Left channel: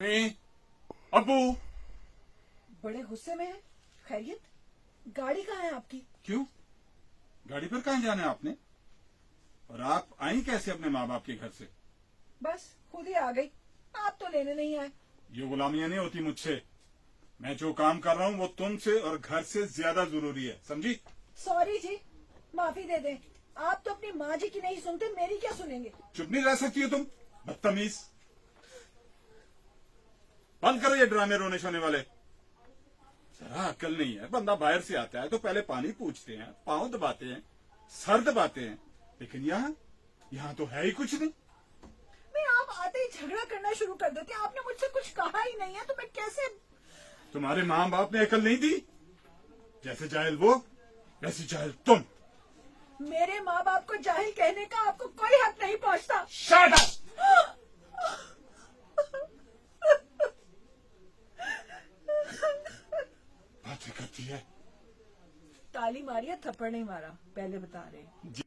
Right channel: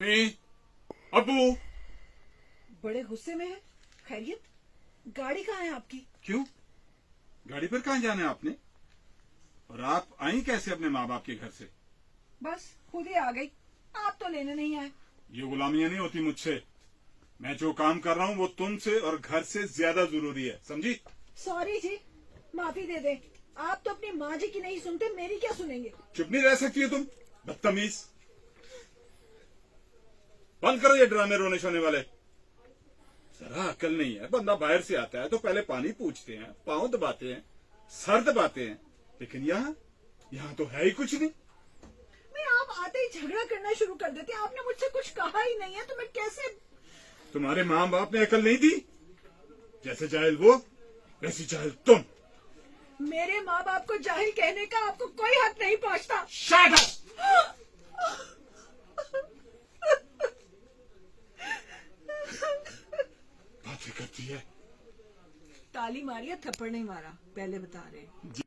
नहीं, अबू। बड़े गुस्से में है। खैरियत? गाड़ी कहाँ है आपकी? क्यों? गाड़ी पर कहाँ जाना है आपने? और आप आई कैसे अपने माँ बाप के घर से? बस खुद ही आ गई, आप तो लेने नहीं आए। ये गुलामियां नहीं होती मुझसे। मैं जो काम कर रहा हूँ वो तुमसे और घर से ज्यादा जरूरी है, समझी? सॉरी जी, माफी दे दें। आप तो अपनी माँ जी की नहीं सुनते, मेरी क्या सुनेंगे? चुप नहीं रह सकती हो तुम, बदतमीज। बंद करो ये ड्रामे रोने शोने वाले। जरा अकल नहीं है। बंदा बाहर से आता है तो पहले पानी पूछते हैं, पाँव दबाते हैं, सर दबाते हैं, लेकिन यहाँ तो है ही कुछ नहीं। मैं आप आते ही झगड़ा करना शुरू कर देते। आपने मुझसे कुछ कहा ही नहीं है तो मैं कैसे? तुम्हारे माँ बाप ने अकल नहीं दी? जैसे जाहिल वो वैसी जाहिल तुम। मेरे माँ बाप को जाहिल कहने का आपको कोई हक नहीं पहुँचता। Shut up! बातें करती है। ताली मारी या थप्पड़ नहीं मारा, पहले बता रहे।